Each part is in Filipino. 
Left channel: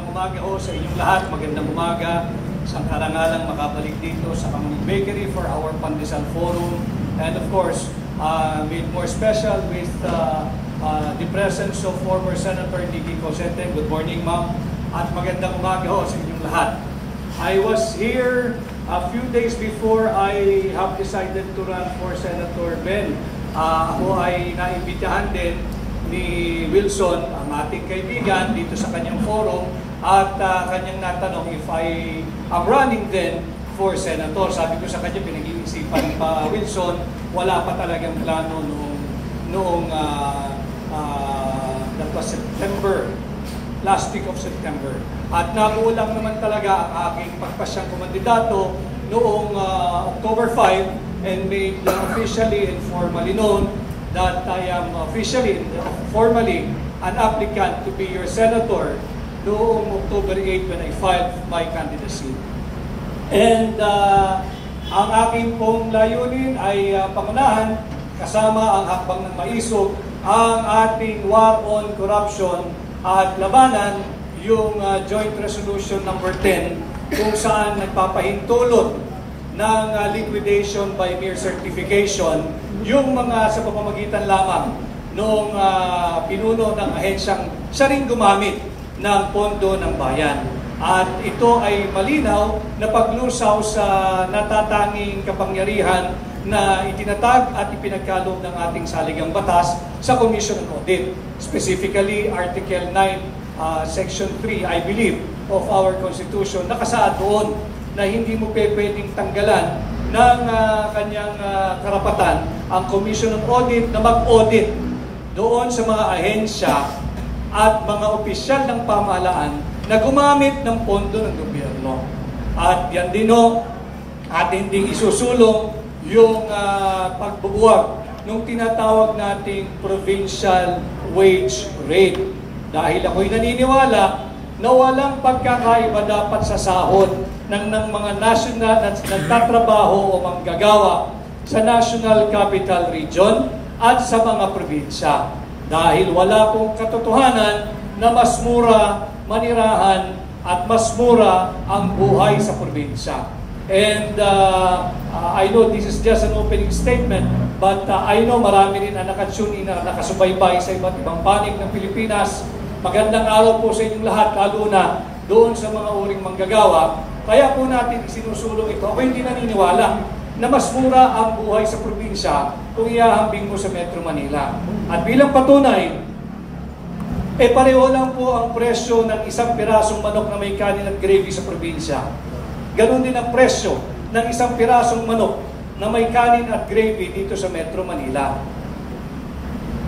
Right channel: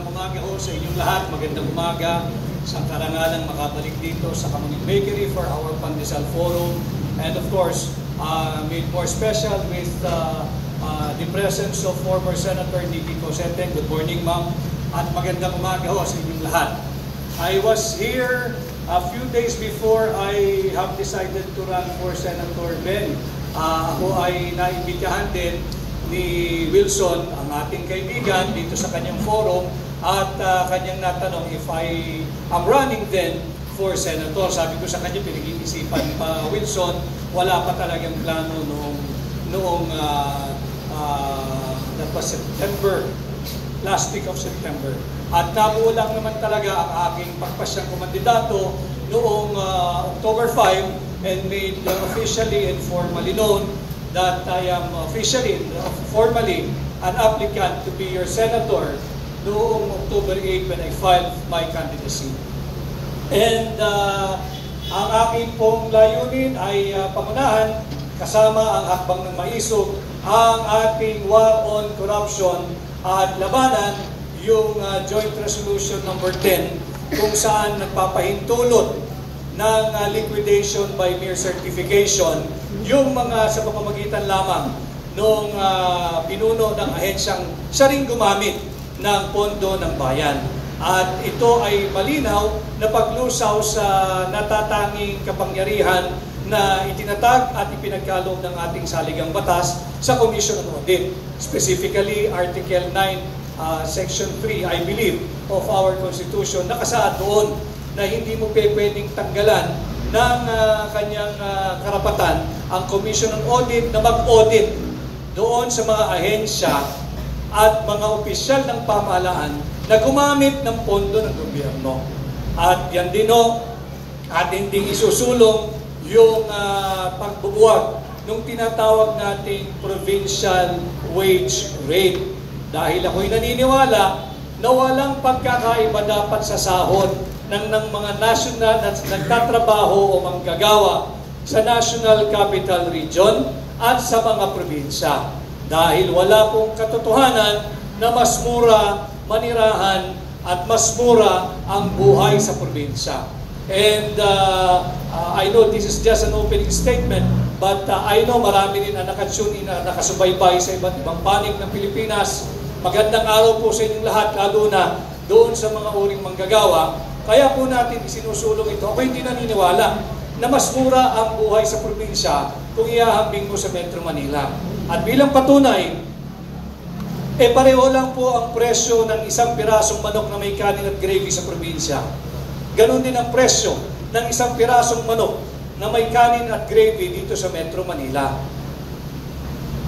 Umaga ho sa inyong lahat, magandang umaga sa karangalang makabalik dito sa Kamuning Bakery for our Pandesal Forum, and of course, made more special with the presence of former Senator Nicky Cosete. Good morning, ma'am, at magandang umaga ho sa inyong lahat. I was here a few days before I have decided to run for Senator Ben. Ako ay naimbitahan din ni Wilson, ang ating kaibigan, dito sa kanyang forum, at kanyang natanong if I am running then for Senator. Sabi ko sa kanya, pinag-iisipan pa Wilson, wala pa talagang plano noong that was September, last week of September. At nabuo lang naman talaga ang aking pagpasyang kumandidato noong October 5 and made officially and formally known that I am formally an applicant to be your senator noong October 8 when I filed my candidacy. And ang aking pong layunin ay pangunahan kasama ang hakbang ng maisog ang ating war on corruption at labanan yung Joint Resolution number 10 kung saan nagpapahintulot ng liquidation by mere certification yung mga sa pamamagitan lamang nung pinuno ng ahensyang siya rin gumamit ng pondo ng bayan. At ito ay malinaw na paglusaw sa natatanging kapangyarihan na itinatag at ipinagkaloob ng ating saligang batas sa Commission on Audit. Specifically, Article 9, Section 3, I believe, of our Constitution, nakasaad doon na hindi mo pwedeng tanggalan ng kanyang karapatan ang Commission on Audit na mag-audit doon sa mga ahensya at mga opisyal ng pamahalaan na gumamit ng pondo ng gobyerno. At yan din atin ding isusulong yung pagbubuwag ng tinatawag nating provincial wage rate. Dahil ako'y naniniwala na walang pagkakaiba dapat sa sahod ng mga national at nagtatrabaho o manggagawa sa National Capital Region at sa mga probinsya. Dahil wala pong katotohanan na mas mura manirahan at mas mura ang buhay sa probinsya. And I know this is just an opening statement, but I know marami rin na nakatune in, na nakasubaybay sa iba't ibang panig ng Pilipinas. Magandang araw po sa inyong lahat, lalo na doon sa mga uring manggagawa. Kaya po natin isinusulong ito. Ako hindi naniniwala na mas mura ang buhay sa probinsya kung iahambing mo sa Metro Manila. At bilang patunay, pareho lang po ang presyo ng isang pirasong manok na may kanin at gravy sa probinsya. Ganon din ang presyo ng isang pirasong manok na may kanin at gravy dito sa Metro Manila.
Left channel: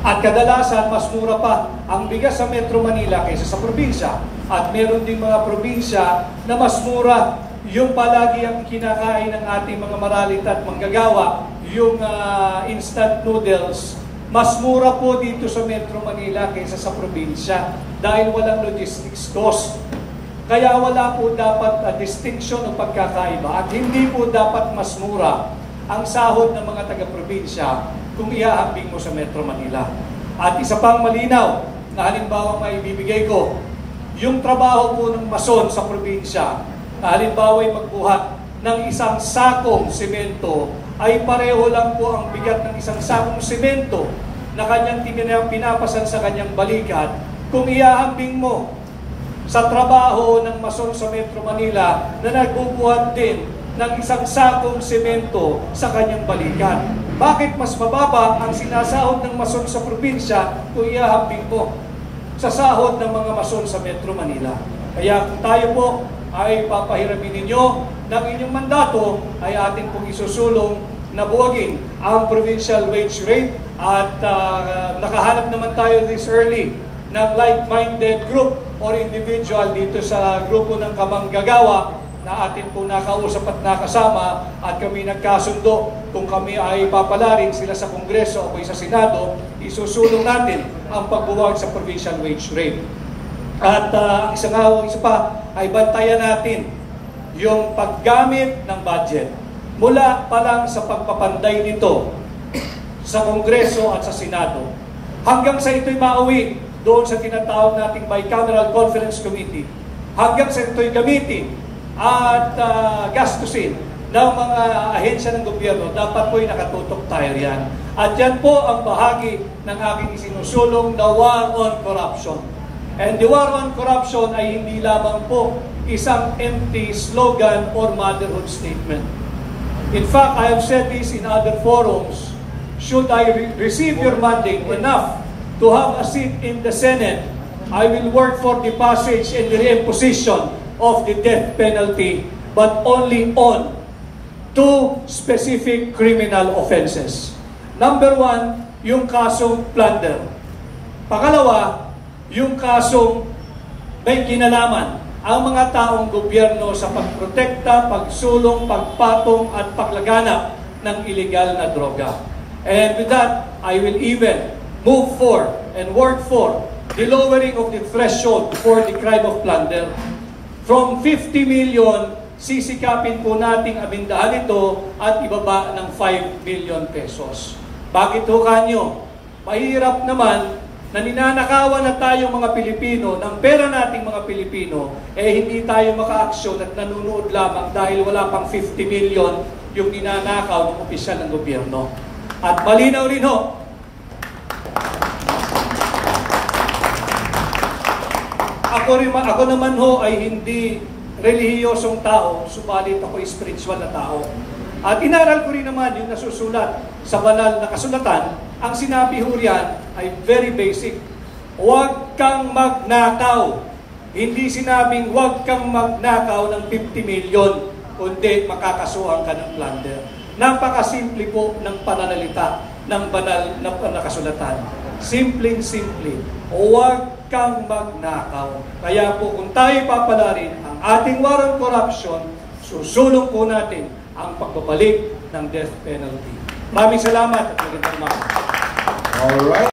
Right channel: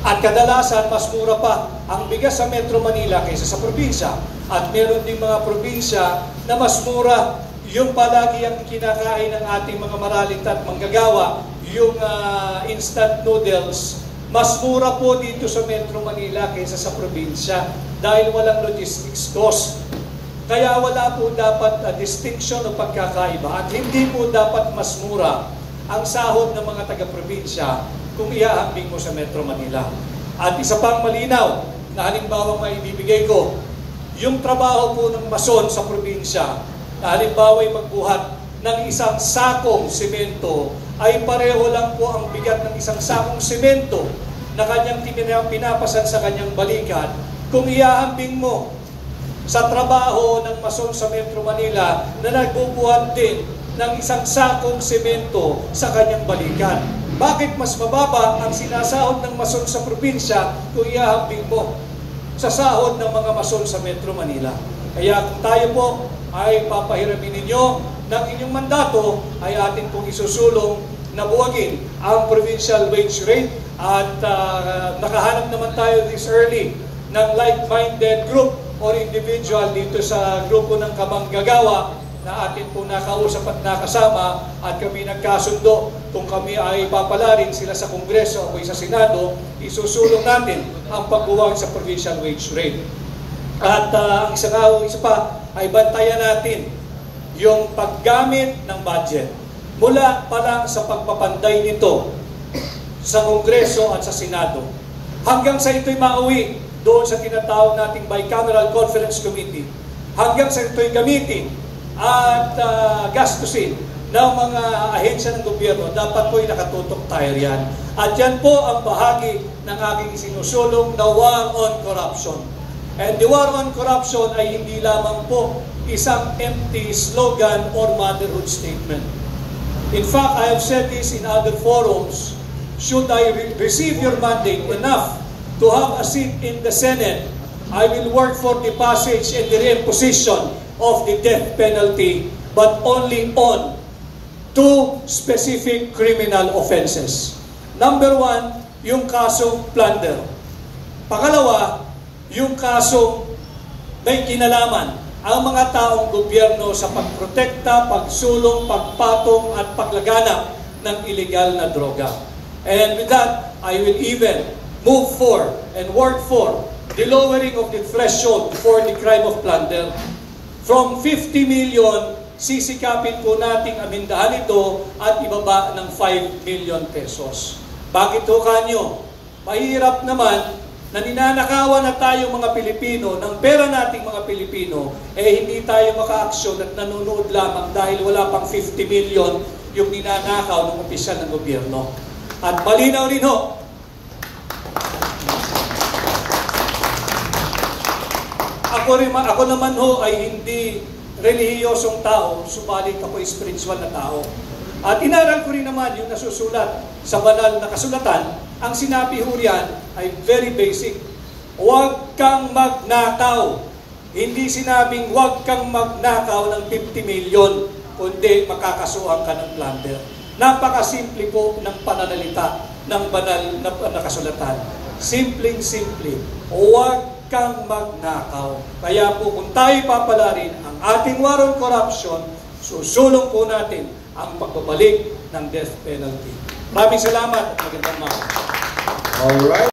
At kadalasan, mas mura pa ang bigas sa Metro Manila kaysa sa probinsya. At meron din mga probinsya na mas mura yung palagi ang kinakain ng ating mga maralit at manggagawa, yung instant noodles. Mas mura po dito sa Metro Manila kaysa sa probinsya dahil walang logistics cost. Kaya wala po dapat distinction o pagkakaiba at hindi po dapat mas mura ang sahod ng mga taga-probinsya kung iahambing mo sa Metro Manila. At isa pang malinaw na halimbawa may ibibigay ko, yung trabaho po ng mason sa probinsya, na halimbawa ay magbuhat ng isang sakong semento, ay pareho lang po ang bigat ng isang sakong semento na kanyang pinapasan sa kanyang balikat kung iahambing mo sa trabaho ng mason sa Metro Manila na nagbubuhat din ng isang sakong semento sa kanyang balikat. Bakit mas mababa ang sinasahod ng mason sa probinsya kung iahambing mo sa sahod ng mga mason sa Metro Manila? Kaya kung tayo po ay papahiramin ninyo ng inyong mandato, ay atin pong isusulong na buwagin ang provincial wage rate at nakahanap naman tayo this early ng like-minded group or individual dito sa grupo ng kamanggagawa na atin po nakausap at nakasama at kami nagkasundo kung kami ay papalarin sila sa Kongreso o sa Senado, isusulong natin ang pagbuwag sa provincial wage rate. At ang isa pa ay bantayan natin yung paggamit ng budget mula pa lang sa pagpapanday nito sa Kongreso at sa Senado hanggang sa ito'y mauwi doon sa tinatawag nating Bicameral Conference Committee hanggang sa ito'y gamitin at gastusin ng mga ahensya ng gobyerno, dapat po'y nakatutok tayo riyan. At yan po ang bahagi ng aking isinusulong na war on corruption. And the war on corruption ay hindi lamang po isang empty slogan or motherhood statement. In fact, I have said this in other forums. Should I receive your mandate enough to have a seat in the Senate, I will work for the passage and the reimposition of the death penalty, but only on two specific criminal offenses. Number one, yung kasong plunder. Pangalawa, yung kasong may kinalaman ang mga taong gobyerno sa pagprotekta, pagsulong, pagpatong at paglaganap ng illegal na droga. And with that, I will even move for and work for the lowering of the threshold for the crime of plunder. From 50 million, sisikapin po nating amindahan ito at ibaba ng 5 million pesos. Bakit ho kanyo? Mahirap naman na ninanakawan na tayo mga Pilipino, ng pera nating mga Pilipino, hindi tayo maka-aksyon at nanonood lamang dahil wala pang 50 million yung ninanakaw ng opisyal ng gobyerno. At malinaw rin ho, ako naman ho ay hindi relihiyosong tao, subalit ako spiritual na tao. At inaral ko rin naman yung nasusulat sa banal na kasulatan. Ang sinabi ho riyan ay very basic. Huwag kang magnakaw. Hindi sinabing huwag kang magnakaw ng 50 million, kundi makakasuhan ka ng plunder. Napakasimple po ng pananalita ng banal na kasulatan. Simpleng-simple. Huwag kang magnakaw. Kaya po kung tayo papalarin ang ating war on corruption, susulong po natin ang pagbabalik ng death penalty. Maraming salamat at magandang umaga. All right.